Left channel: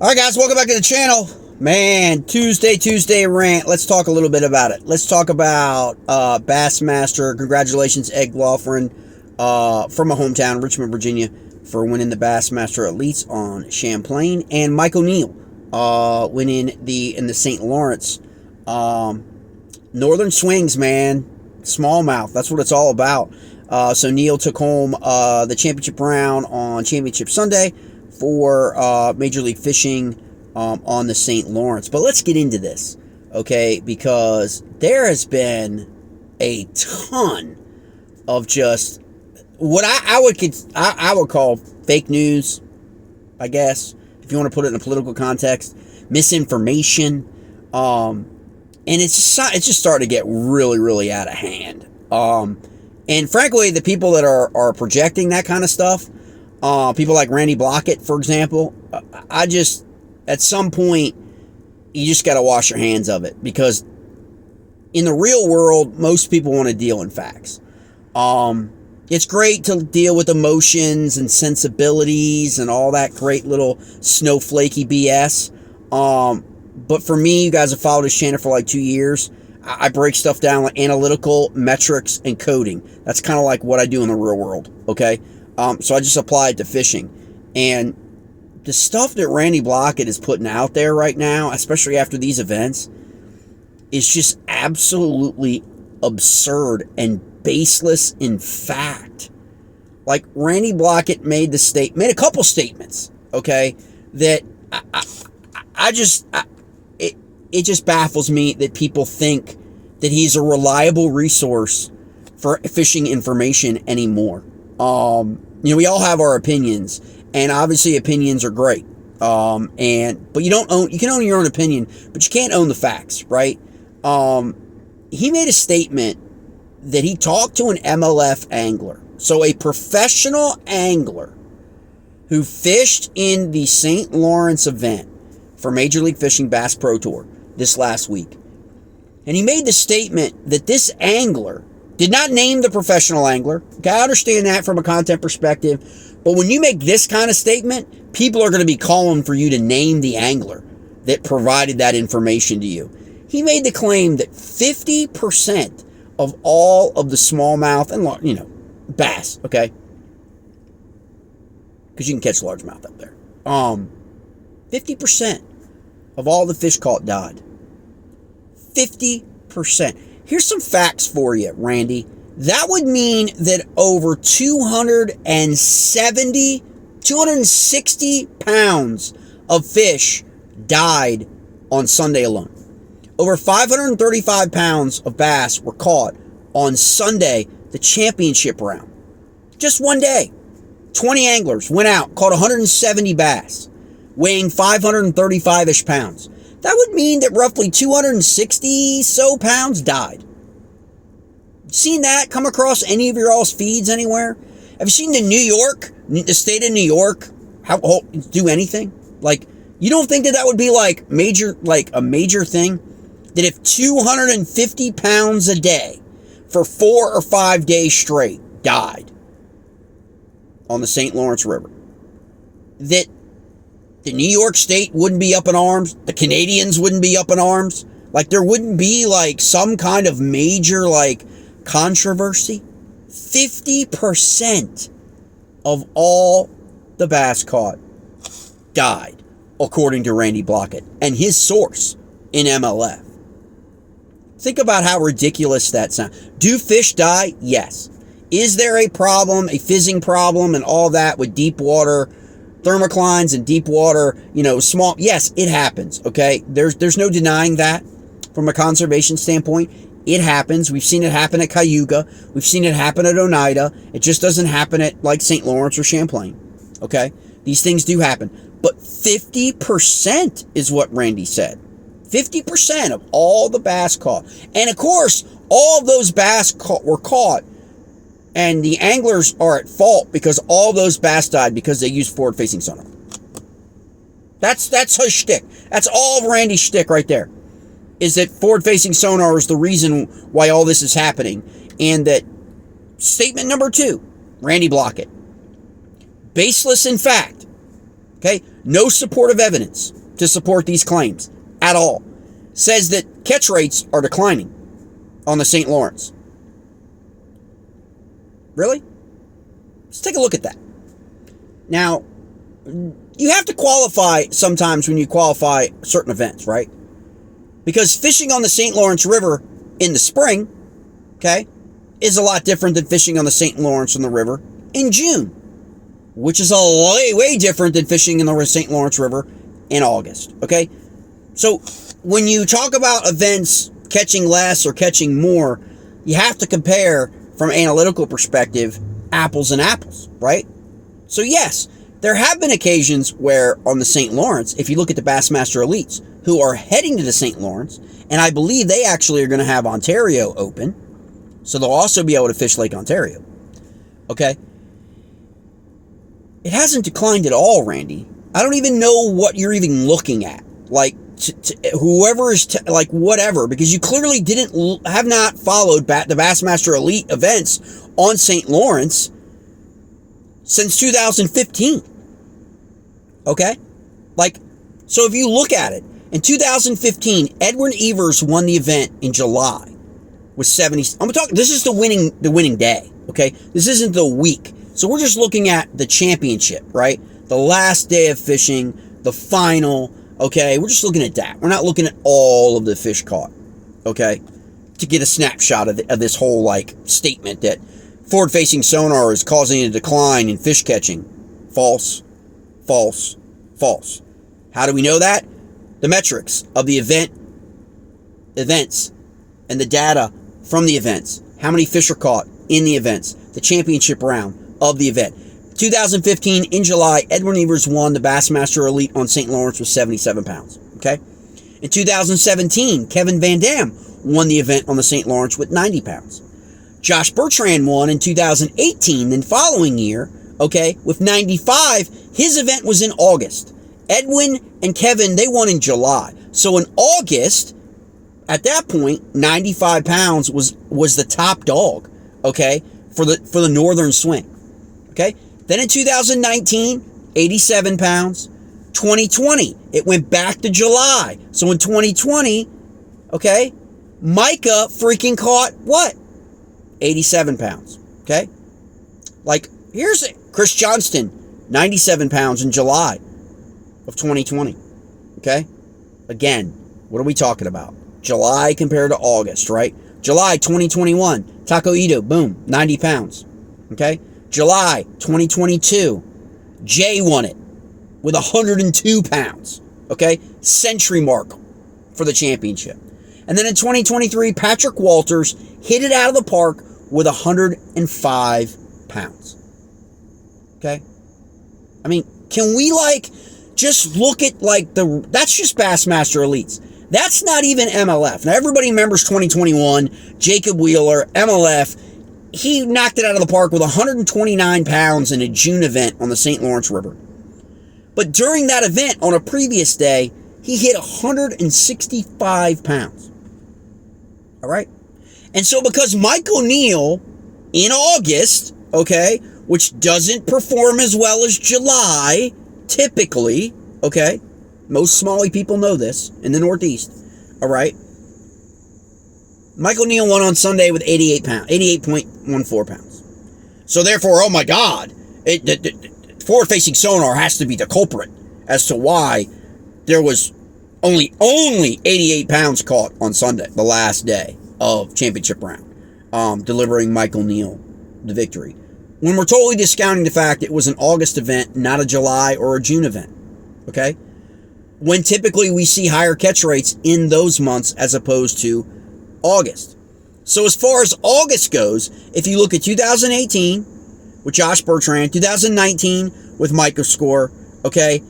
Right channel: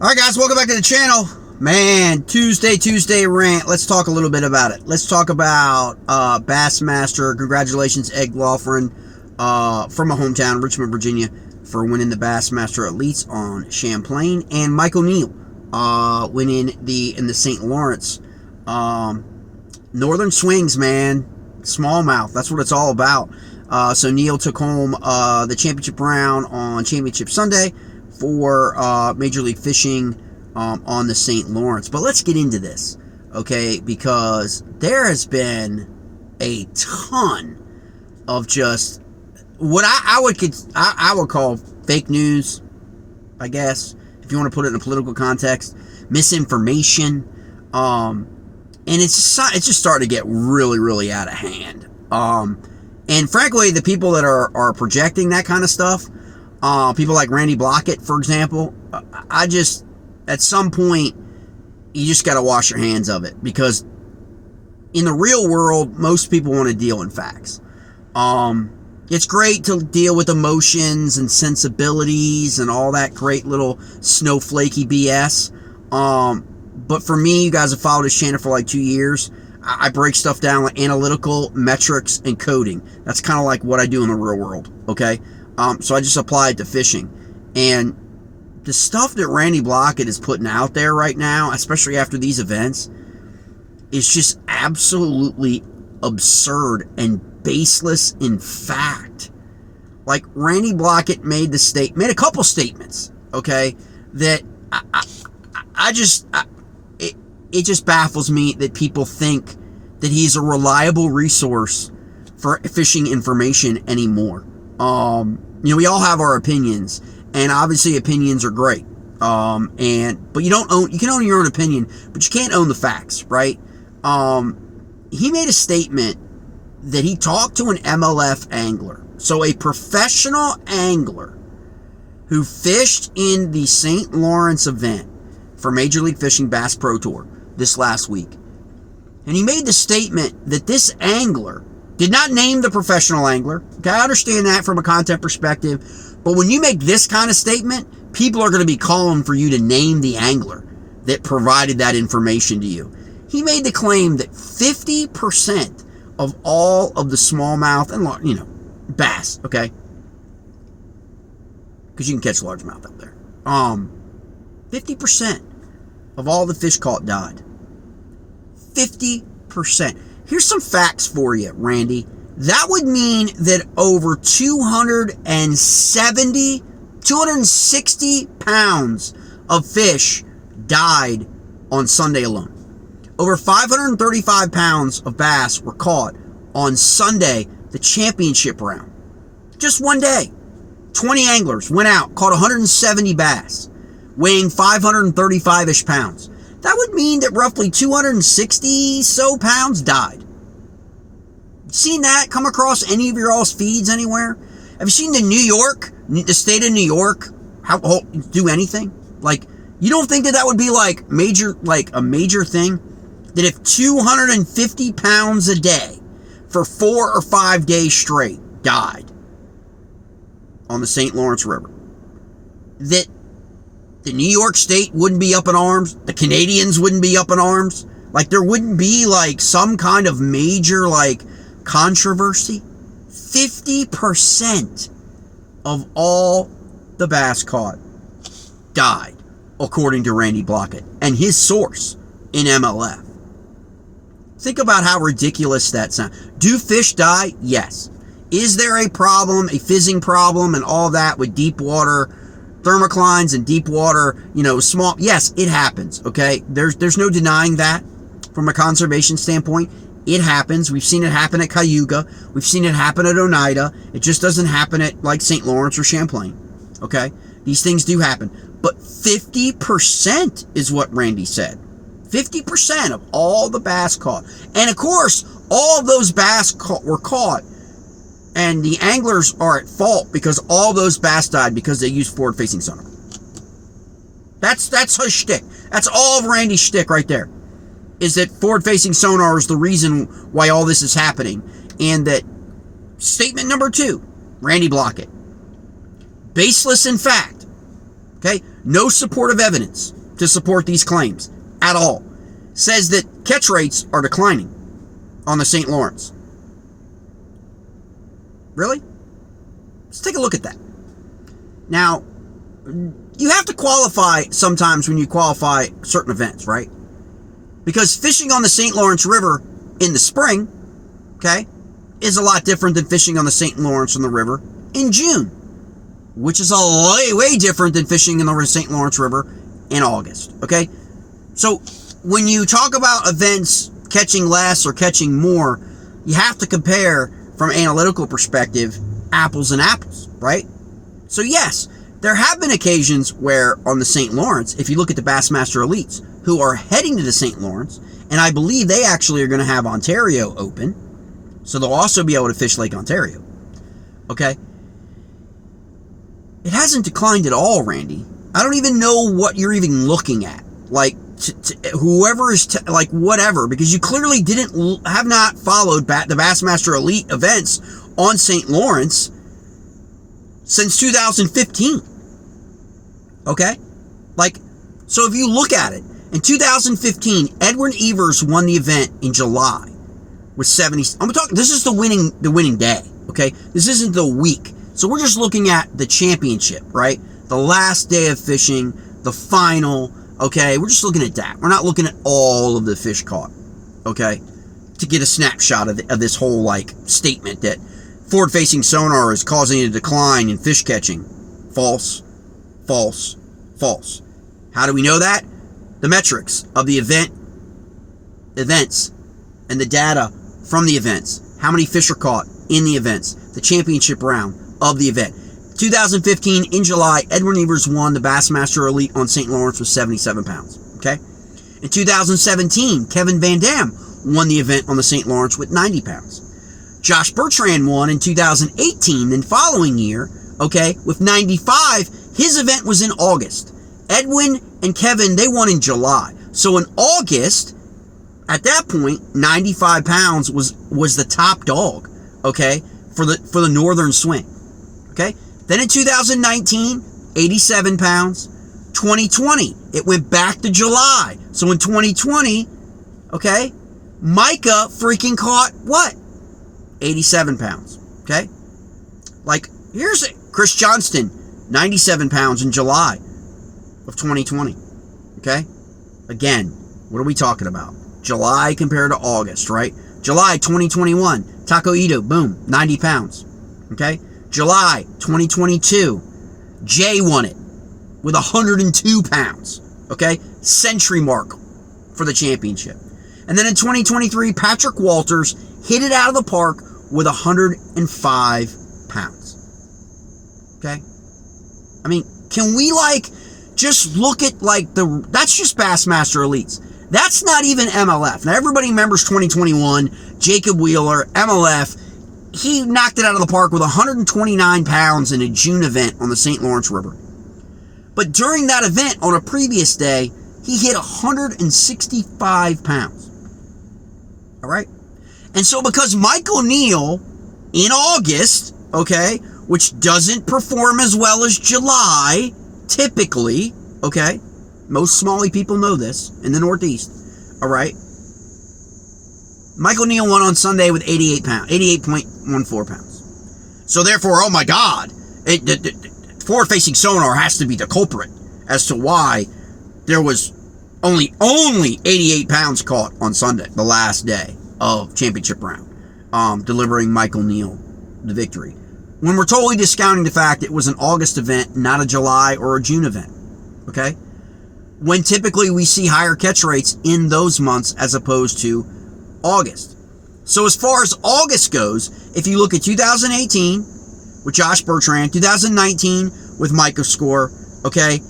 All right, guys, welcome back to the channel. Man, Tuesday rant. Let's talk a little bit about it. Let's talk about Bassmaster. Congratulations, Ed Laughlin, from my hometown, Richmond, Virginia, for winning the Bassmaster Elites on Champlain, and Mike O'Neill winning in the St. Lawrence Northern Swings. Man, smallmouth. That's what it's all about. So Neil took home the championship round on Championship Sunday for Major League Fishing on the St. Lawrence. But let's get into this, okay? Because there has been a ton of just what I would call fake news, I guess, if you want to put it in a political context, misinformation, and it's just starting to get really out of hand. And frankly, the people that are projecting that kind of stuff, people like Randy Blaukat, for example, at some point, you just got to wash your hands of it, because in the real world, most people want to deal in facts. It's great to deal with emotions and sensibilities and all that great little snowflakey BS. But for me, you guys have followed this channel for like 2 years. I break stuff down like analytical, metrics, and coding. That's kind of like what I do in the real world, okay? So I just apply it to fishing. And the stuff that Randy Blaukat is putting out there right now, especially after these events, is just absolutely absurd and baseless in fact. Like, Randy Blaukat made a couple statements, okay, that it just baffles me that people think that he's a reliable resource for fishing information anymore. We all have our opinions, and obviously opinions are great. But you can own your own opinion, but you can't own the facts, right? He made a statement that he talked to an MLF angler. So a professional angler who fished in the St. Lawrence event for Major League Fishing Bass Pro Tour this last week. And he made the statement that this angler did not name the professional angler. Okay, I understand that from a content perspective. But when you make this kind of statement, people are going to be calling for you to name the angler that provided that information to you. He made the claim that 50% of all of the smallmouth and, bass, okay? Because you can catch largemouth up there. 50% of all the fish caught died. 50%. Here's some facts for you, Randy. That would mean that over 260 pounds of fish died on Sunday alone. Over 535 pounds of bass were caught on Sunday, the championship round. Just one day. 20 anglers went out, caught 170 bass, weighing 535-ish pounds. That would mean that roughly 260 so pounds died. Seen that come across any of your all's feeds anywhere? Have you seen the state of New York, do anything? Like, you don't think that would be like a major thing? That if 250 pounds a day for 4 or 5 days straight died on the St. Lawrence River, that the New York State wouldn't be up in arms, the Canadians wouldn't be up in arms, like there wouldn't be like some kind of major like controversy? 50% of all the bass caught died, according to Randy Blaukat and his source in MLF. Think about how ridiculous that sounds. Do fish die? Yes. Is there a problem, a fizzing problem and all that with deep water thermoclines and deep water, small? Yes, it happens, okay? There's no denying that from a conservation standpoint. It happens. We've seen it happen at Cayuga. We've seen it happen at Oneida. It just doesn't happen at like St. Lawrence or Champlain, okay? These things do happen. But 50% is what Randy said. 50% of all the bass caught. And of course, all of those bass were caught, and the anglers are at fault because all those bass died because they used forward facing sonar. That's his shtick. That's all of Randy's shtick right there. Is that forward facing sonar is the reason why all this is happening. And that statement number 2, Randy Blaukat, baseless in fact. Okay? No supportive evidence to support these claims at all. Says that catch rates are declining on the St. Lawrence. Really? Let's take a look at that. Now, you have to qualify sometimes when you qualify certain events, right? Because fishing on the St. Lawrence River in the spring, okay, is a lot different than fishing on the St. Lawrence on the river in June, which is a way different than fishing in the St. Lawrence River in August, okay? So when you talk about events catching less or catching more, you have to compare from an analytical perspective, apples and apples, right? So yes, there have been occasions where on the St. Lawrence, if you look at the Bassmaster Elites, who are heading to the St. Lawrence, and I believe they actually are going to have Ontario open, so they'll also be able to fish Lake Ontario, okay? It hasn't declined at all, Randy. I don't even know what you're even looking at. Like, whoever is, like, whatever, because you clearly have not followed the Bassmaster Elite events on St. Lawrence since 2015. Okay? Like, so if you look at it, in 2015, Edwin Evers won the event in July with 70. This is the winning day, okay? This isn't the week. So we're just looking at the championship, right? The last day of fishing, the final, okay? We're just looking at that. We're not looking at all of the fish caught, okay? To get a snapshot of this whole, like, statement that Forward Facing Sonar is causing a decline in fish catching. False, false, false. How do we know that? The metrics of the events and the data from the events. How many fish are caught in the events? The championship round of the event. 2015, in July, Edwin Evers won the Bassmaster Elite on St. Lawrence with 77 pounds. Okay? In 2017, Kevin Van Dam won the event on the St. Lawrence with 90 pounds. Josh Bertrand won in 2018, then following year, okay, with 95. His event was in August. Edwin and Kevin, they won in July. So in August, at that point, 95 pounds was the top dog, okay, for the northern swing. Okay? Then in 2019, 87 pounds. 2020, it went back to July. So in 2020, okay, Micah freaking caught what? 87 pounds. Okay? Like, here's it. Chris Johnston, 97 pounds in July of 2020. Okay? Again, what are we talking about? July compared to August, right? July 2021, Taco Ito, boom, 90 pounds. Okay? July 2022, Jay won it with 102 pounds. Okay? Century mark for the championship. And then in 2023, Patrick Walters hit it out of the park with 105 pounds. Okay? I mean, can we, like, just look at, like, that's just Bassmaster Elites. That's not even MLF. Now, everybody remembers 2021, Jacob Wheeler, MLF. He knocked it out of the park with 129 pounds in a June event on the St. Lawrence River. But during that event, on a previous day, he hit 165 pounds. All right? And so because Mike O'Neill, in August, okay, which doesn't perform as well as July, typically, okay, most smallie people know this in the Northeast, all right? Mike O'Neill won on Sunday with 88.14 pounds. So therefore, oh my God, Forward Facing Sonar has to be the culprit as to why there was only 88 pounds caught on Sunday, the last day of championship round, delivering Mike O'Neill the victory. When we're totally discounting the fact it was an August event, not a July or a June event, okay? When typically we see higher catch rates in those months as opposed to August. So as far as August goes, if you look at 2018 with Josh Bertrand, 2019 with Micah Score, okay,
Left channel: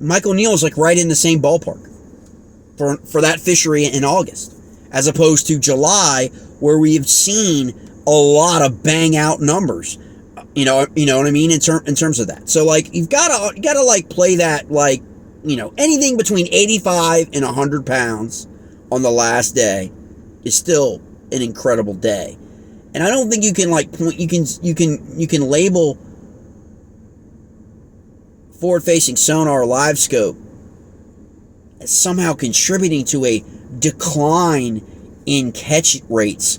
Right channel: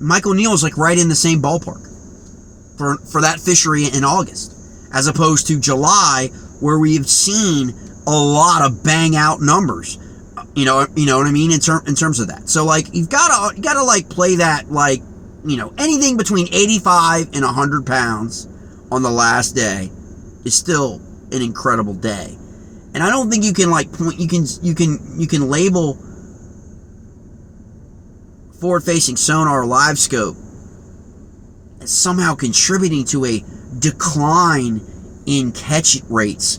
Mike O'Neill is like right in the same ballpark for that fishery in August, as opposed to July, where we have seen a lot of bang out numbers. You know what I mean, in terms of that. So like you gotta like play that, like, you know, anything between 85 and 100 pounds on the last day is still an incredible day. And I don't think you can like point, you can label Forward Facing Sonar live scope is somehow contributing to a decline in catch rates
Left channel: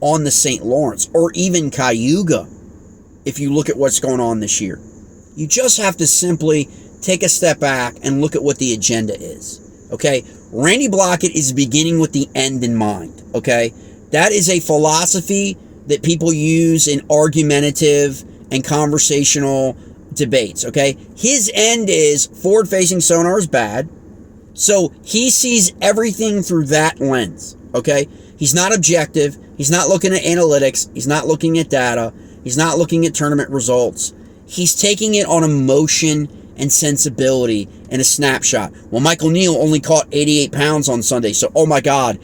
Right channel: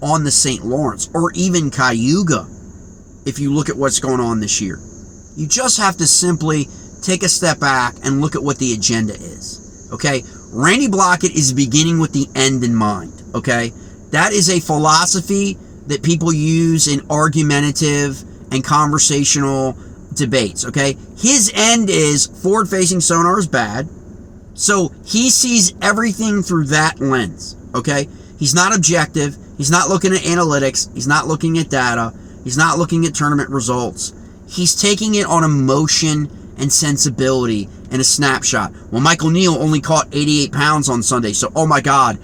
on the St. Lawrence or even Cayuga if you look at what's going on this year. You just have to simply take a step back and look at what the agenda is. Okay? Randy Blaukat is beginning with the end in mind. Okay? That is a philosophy that people use in argumentative and conversational debates. Okay? His end is forward facing sonar is bad. So he sees everything through that lens. Okay? He's not objective. He's not looking at analytics. He's not looking at data. He's not looking at tournament results. He's taking it on emotion and sensibility and a snapshot. Well, Michael Neal only caught 88 pounds on Sunday, so oh my God,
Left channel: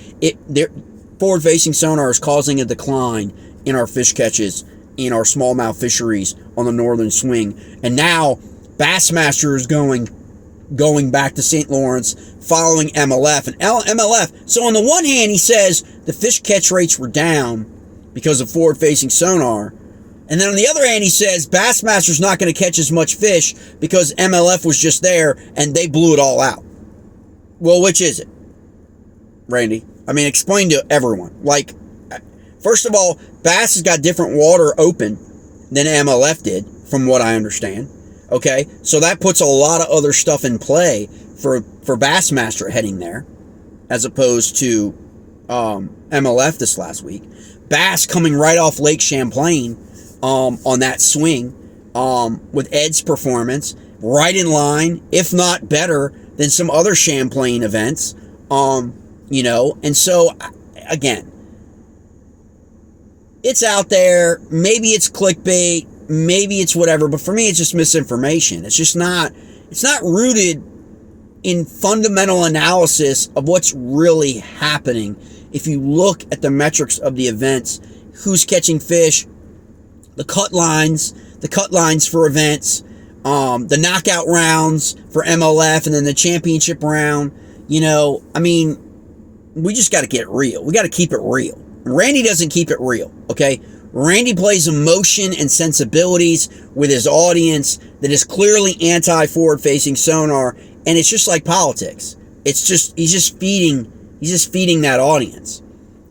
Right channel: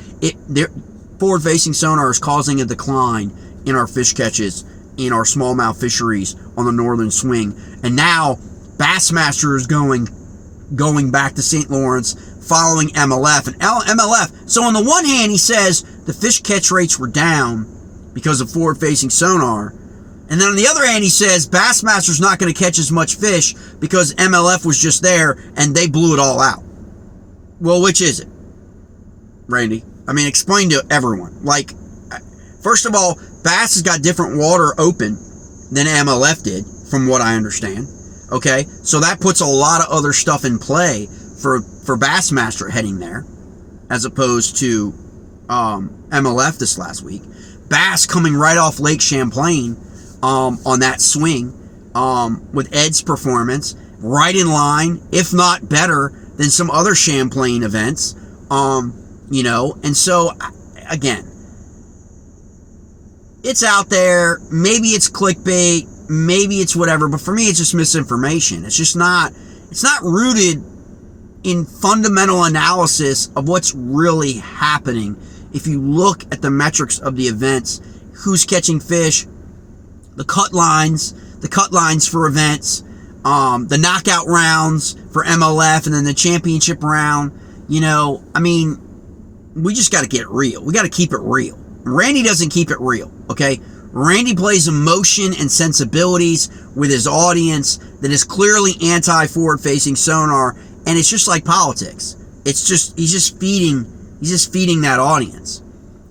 forward-facing sonar is causing a decline in our fish catches in our smallmouth fisheries on the northern swing. And now Bassmaster is going back to St. Lawrence, following MLF. And MLF, so on the one hand, he says the fish catch rates were down because of forward-facing sonar. And then on the other hand, he says Bassmaster's not going to catch as much fish because MLF was just there and they blew it all out. Well, which is it, Randy? I mean, explain to everyone. Like, first of all, Bass has got different water open than MLF did, from what I understand. Okay? So that puts a lot of other stuff in play for Bassmaster heading there, as opposed to MLF this last week. Bass coming right off Lake Champlain on that swing with Ed's performance, right in line, if not better than some other Champlain events. And so, again, it's out there. Maybe it's clickbait, maybe it's whatever, but for me, it's just misinformation. It's not rooted in fundamental analysis of what's really happening. If you look at the metrics of the events, who's catching fish, the cut lines for events, the knockout rounds for MLF, and then the championship round, I mean, we just got to get real. We got to keep it real. Randy doesn't keep it real, okay? Randy plays emotion and sensibilities with his audience that is clearly anti-forward facing sonar, and it's just like politics. He's just feeding that audience.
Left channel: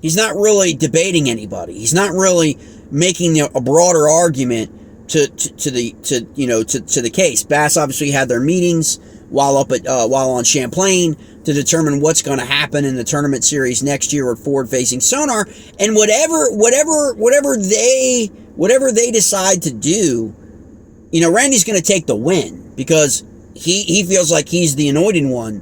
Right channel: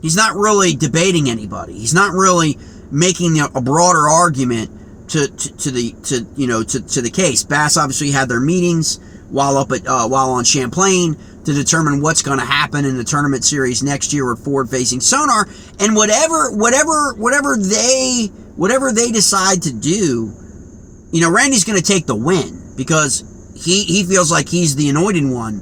He's not really debating anybody. He's not really making a broader argument to the case. Bass obviously had their meetings while on Champlain to determine what's going to happen in the tournament series next year with forward facing sonar, and whatever they decide to do, Randy's going to take the win because he feels like he's the anointed one,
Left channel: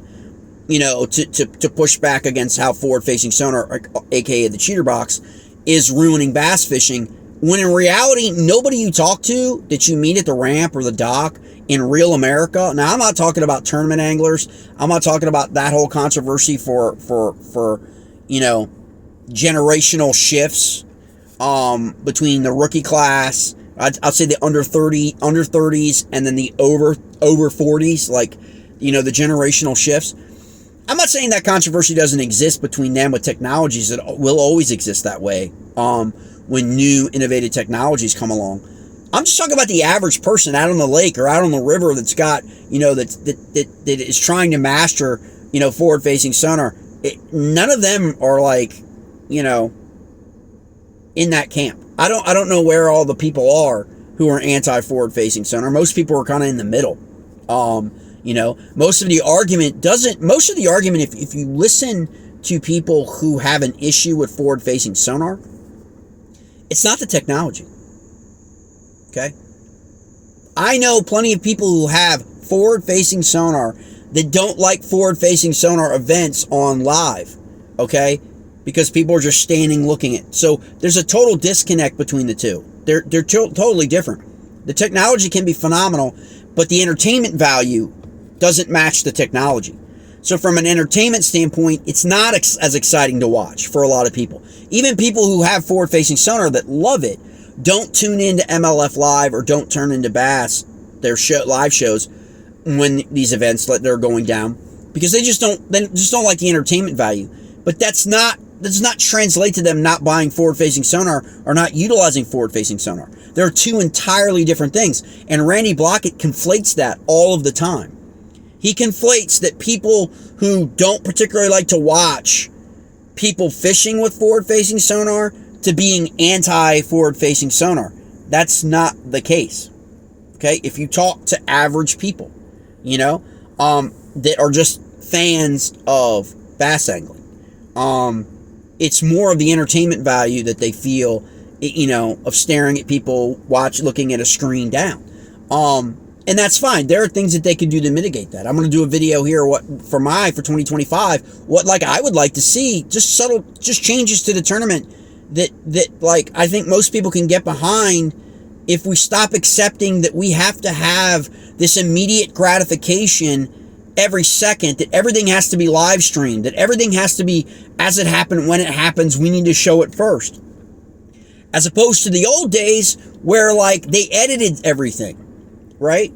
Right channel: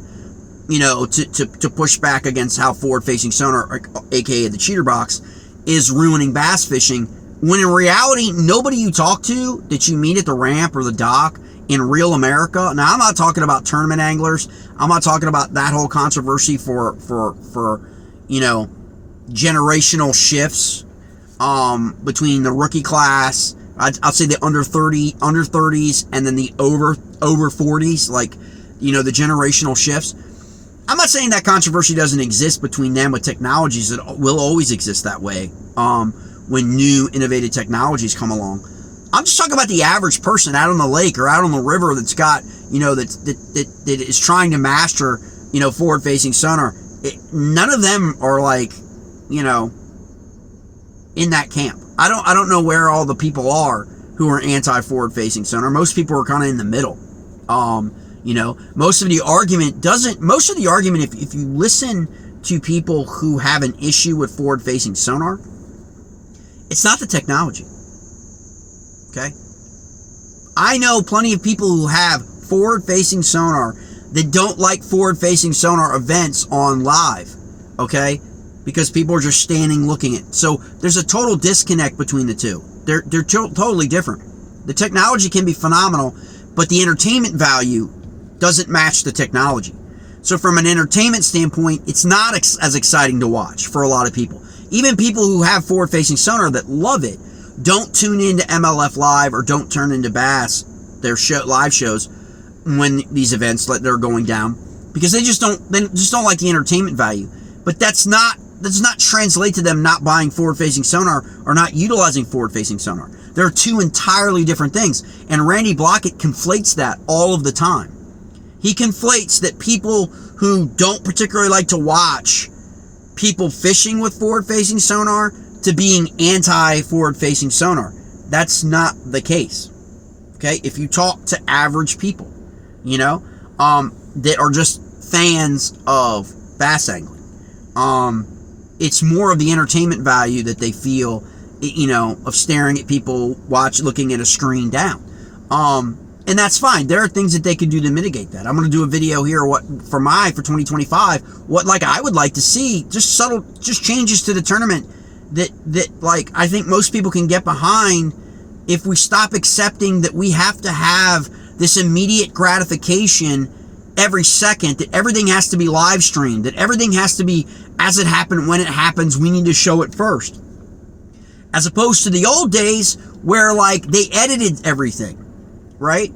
to push back against how forward facing sonar, aka the cheater box, is ruining bass fishing, when in reality, nobody you talk to that you meet at the ramp or the dock in real America. Now, I'm not talking about tournament anglers. I'm not talking about that whole controversy for generational shifts between the rookie class, I'd say the under 30s, and then the over 40s, like, the generational shifts. I'm not saying that controversy doesn't exist between them with technologies that will always exist that way when new innovative technologies come along. I'm just talking about the average person out on the lake or out on the river that's got, that is trying to master, forward facing sonar. None of them are like, in that camp. I don't know where all the people are who are anti forward facing sonar. Most people are kind of in the middle. Most of the argument, if you listen to people who have an issue with forward facing sonar, it's not the technology. Okay? I know plenty of people who have forward-facing sonar that don't like forward-facing sonar events on live. Okay? Because people are just standing looking at it. So there's a total disconnect between the two. They're totally different. The technology can be phenomenal, but the entertainment value doesn't match the technology. So from an entertainment standpoint, it's not as exciting to watch for a lot of people. Even people who have forward-facing sonar that love it don't tune into MLF Live or don't turn into Bass, their live shows, when these events they're going down, because they just don't like the entertainment value. But that does not translate to them not buying forward-facing sonar or not utilizing forward-facing sonar. They're two entirely different things. And Randy Blaukat conflates that all of the time. He conflates that people who don't particularly like to watch people fishing with forward-facing sonar to being anti-forward-facing sonar. That's not the case. Okay? If you talk to average people, you know, that are just fans of bass angling, it's more of the entertainment value that they feel, you know, of staring at people looking at a screen down. And that's fine. There are things that they can do to mitigate that. I'm going to do a video here for 2025, what like I would like to see, just subtle, just changes to the tournament that like I think most people can get behind if we stop accepting that we have to have this immediate gratification every second, that everything has to be live streamed, that everything has to be as it happened, when it happens, we need to show it first. As opposed to the old days where like they edited everything, right?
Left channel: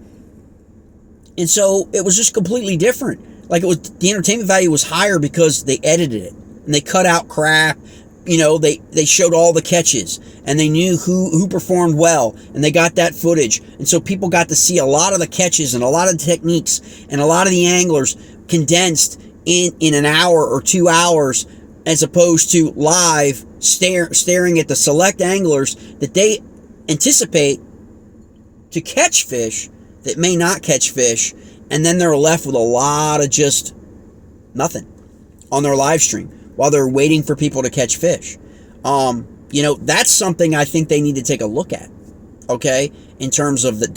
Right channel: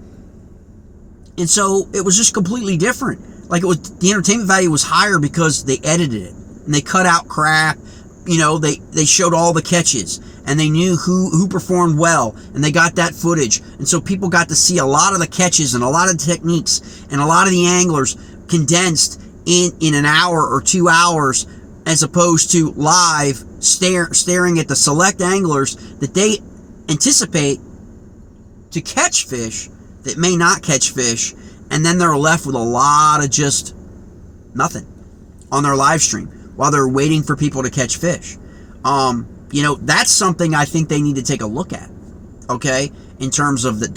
And so it was just completely different. Like the entertainment value was higher because they edited it and they cut out crap. You know, they showed all the catches and they knew who performed well and they got that footage. And so people got to see a lot of the catches and a lot of the techniques and a lot of the anglers condensed in an hour or 2 hours, as opposed to live staring at the select anglers that they anticipate to catch fish that may not catch fish, and then they're left with a lot of just nothing on their live stream while they're waiting for people to catch fish. You know, that's something I think they need to take a look at. Okay, in terms of the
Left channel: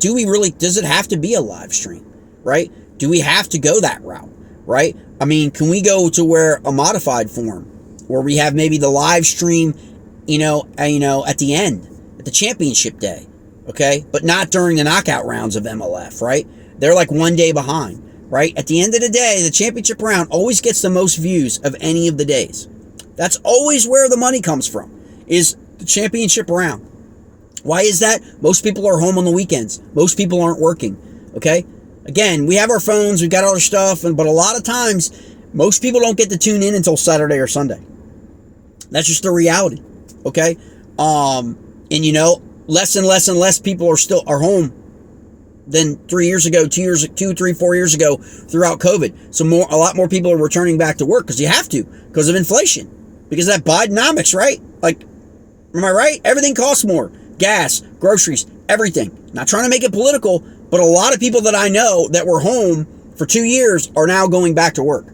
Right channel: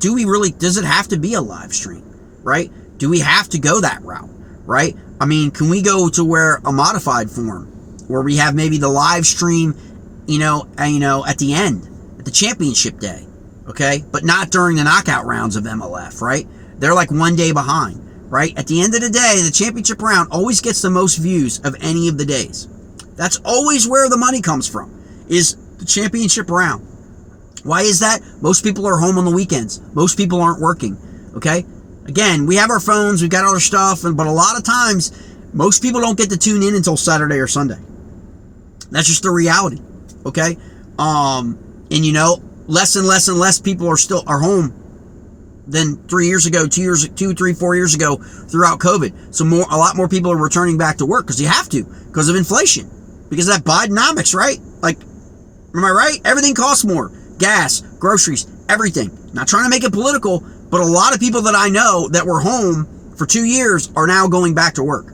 do we really, does it have to be a live stream, right? Do we have to go that route, right? I mean, can we go to where a modified form where we have maybe the live stream, you know, at the end, at the championship day, okay, but not during the knockout rounds of MLF, right? They're like 1 day behind, right? At the end of the day, the championship round always gets the most views of any of the days. That's always where the money comes from, is the championship round. Why is that? Most people are home on the weekends. Most people aren't working, okay? Again, we have our phones, we've got all our stuff, but a lot of times, most people don't get to tune in until Saturday or Sunday. That's just the reality, okay? And you know, less and less and less people are home than 3 years ago, 2, 3, 4 years ago throughout COVID. So a lot more people are returning back to work because you have to, because of inflation, because of that Bidenomics, right? Like, am I right? Everything costs more. Gas, groceries, everything. Not trying to make it political, but a lot of people that I know that were home for 2 years are now going back to work.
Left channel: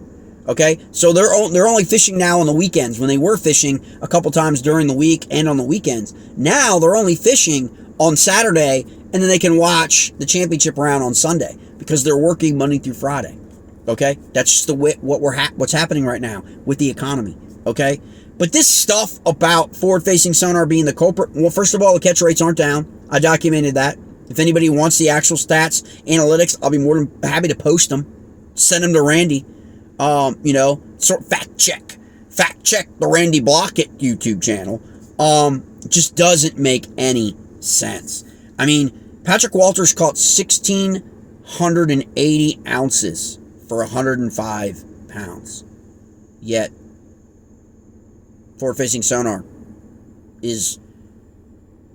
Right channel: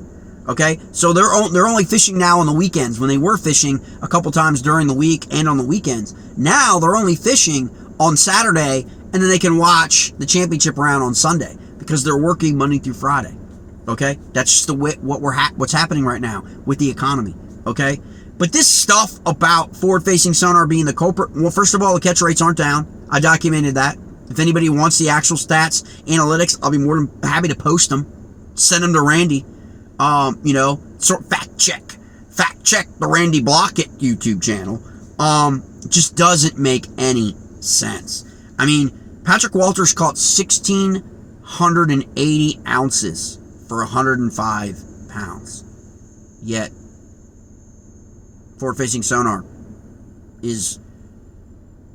Okay, so they're only fishing now on the weekends, when they were fishing a couple times during the week and on the weekends. Now they're only fishing on Saturday, and then they can watch the championship round on Sunday because they're working Monday through Friday. Okay, that's just what's happening right now with the economy. Okay, but this stuff about forward-facing sonar being the culprit, well, first of all, the catch rates aren't down. I documented that. If anybody wants the actual stats, analytics, I'll be more than happy to post them. Send them to Randy. You know, sort of fact check the Randy Blaukat YouTube channel. Just doesn't make any sense. I mean, Patrick Walters caught 1,680 ounces for 105 pounds. Yet, forward-facing sonar is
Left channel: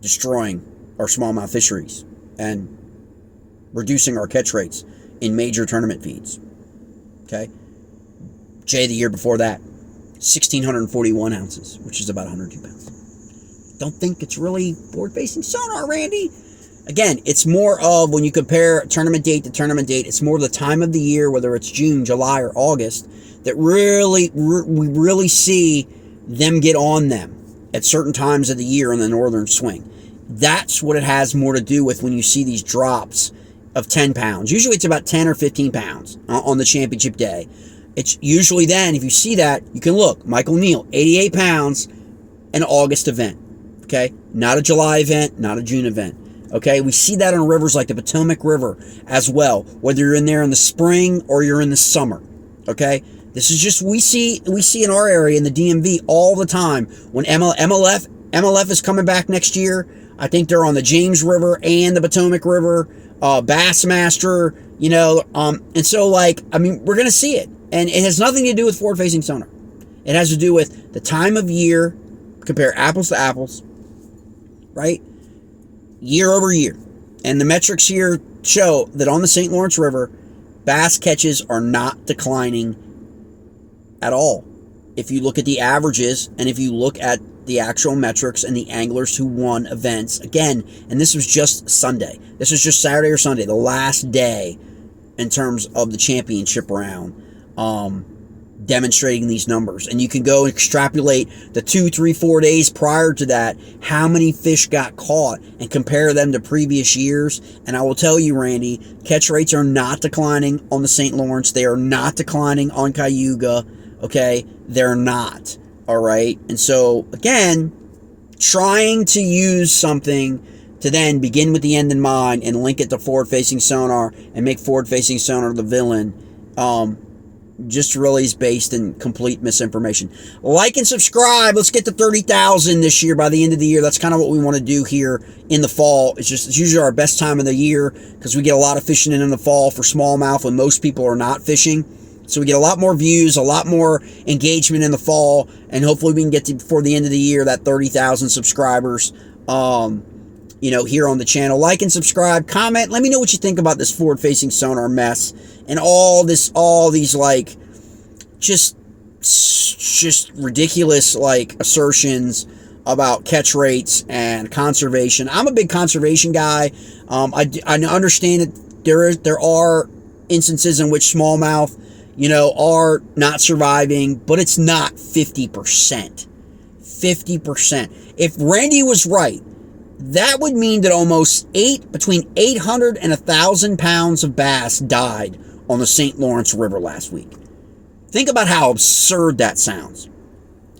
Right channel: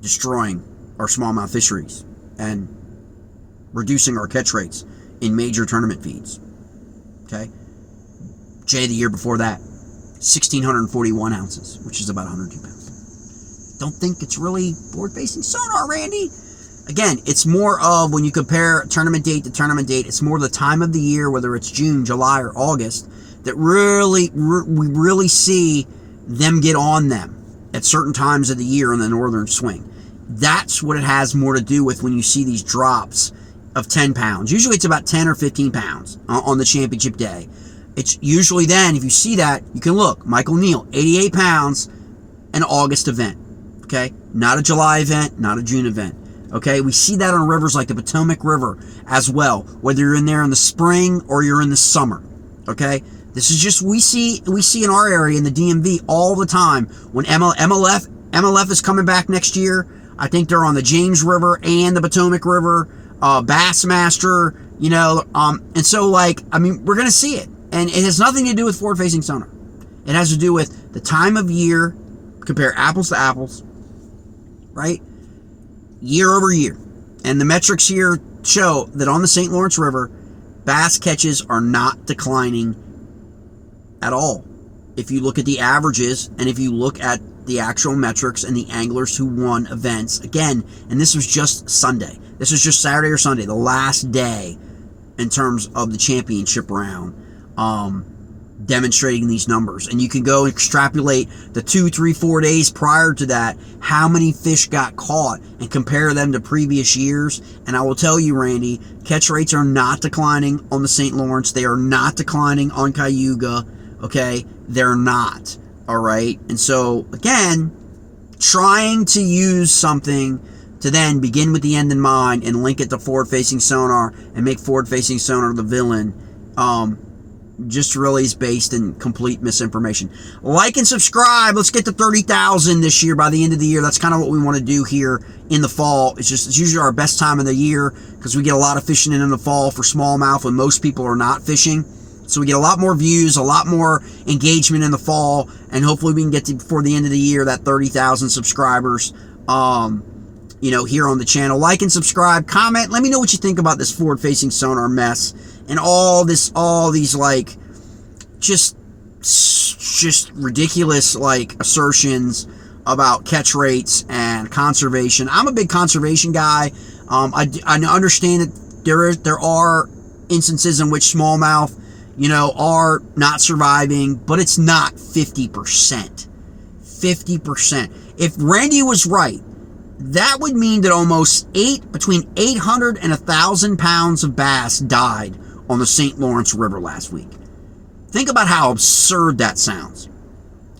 destroying our smallmouth fisheries and reducing our catch rates in major tournament feeds. Okay? Jay, the year before that, 1,641 ounces, which is about 102 pounds. Don't think it's really forward-facing sonar, Randy. Again, it's more of, when you compare tournament date to tournament date, it's more the time of the year, whether it's June, July, or August, that we really see them get on them at certain times of the year on the northern swing. That's what it has more to do with when you see these drops of 10 pounds. Usually it's about 10 or 15 pounds on the championship day. It's usually then, if you see that, you can look. Michael Neal, 88 pounds, an August event. Okay? Not a July event, not a June event. Okay? We see that on rivers like the Potomac River as well, whether you're in there in the spring or you're in the summer. Okay? This is just, we see in our area, in the DMV, all the time. When MLF is coming back next year, I think they're on the James River and the Potomac River, Bassmaster, you know, and so, like, I mean, we're going to see it. And it has nothing to do with forward-facing sonar. It has to do with the time of year, compare apples to apples, right? Year over year. And the metrics here show that on the St. Lawrence River, bass catches are not declining at all. If you look at the averages and if you look at the actual metrics and the anglers who won events, again, and this was just Sunday. This was just Saturday or Sunday, the last day in terms of the championship round, demonstrating these numbers. And you can go extrapolate the 2, 3, 4 days prior to that, how many fish got caught, and compare them to previous years. And I will tell you, Randy, catch rates are not declining on the St. Lawrence. They are not declining on Cayuga. Okay? They're not. All right? And so, again, trying to use something to then begin with the end in mind and link it to Forward Facing Sonar and make Forward Facing Sonar the villain, just really is based in complete misinformation. Like and subscribe. Let's get to 30,000 this year by the end of the year. That's kind of what we want to do here in the fall. It's usually our best time of the year because we get a lot of fishing in the fall for smallmouth when most people are not fishing. So we get a lot more views, a lot more engagement in the fall, and hopefully we can get to, before the end of the year, that 30,000 subscribers, here on the channel. Like and subscribe, comment, let me know what you think about this Forward Facing Sonar mess and all these like just ridiculous like assertions about catch rates and conservation. I'm a big conservation guy. I understand that there are instances in which smallmouth, are not surviving, but it's not 50%. 50%. If Randy was right, that would mean that between 800 and 1,000 pounds of bass died on the St. Lawrence River last week. Think about how absurd that sounds.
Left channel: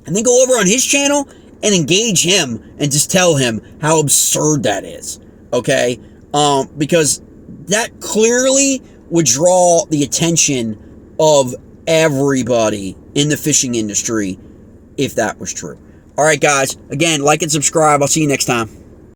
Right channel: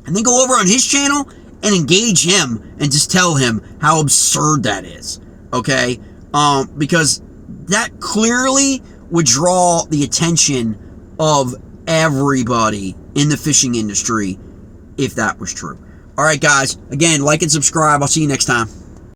And then go over on his channel and engage him and just tell him how absurd that is. Okay? Because that clearly would draw the attention of everybody in the fishing industry if that was true. All right, guys. Again, like and subscribe. I'll see you next time.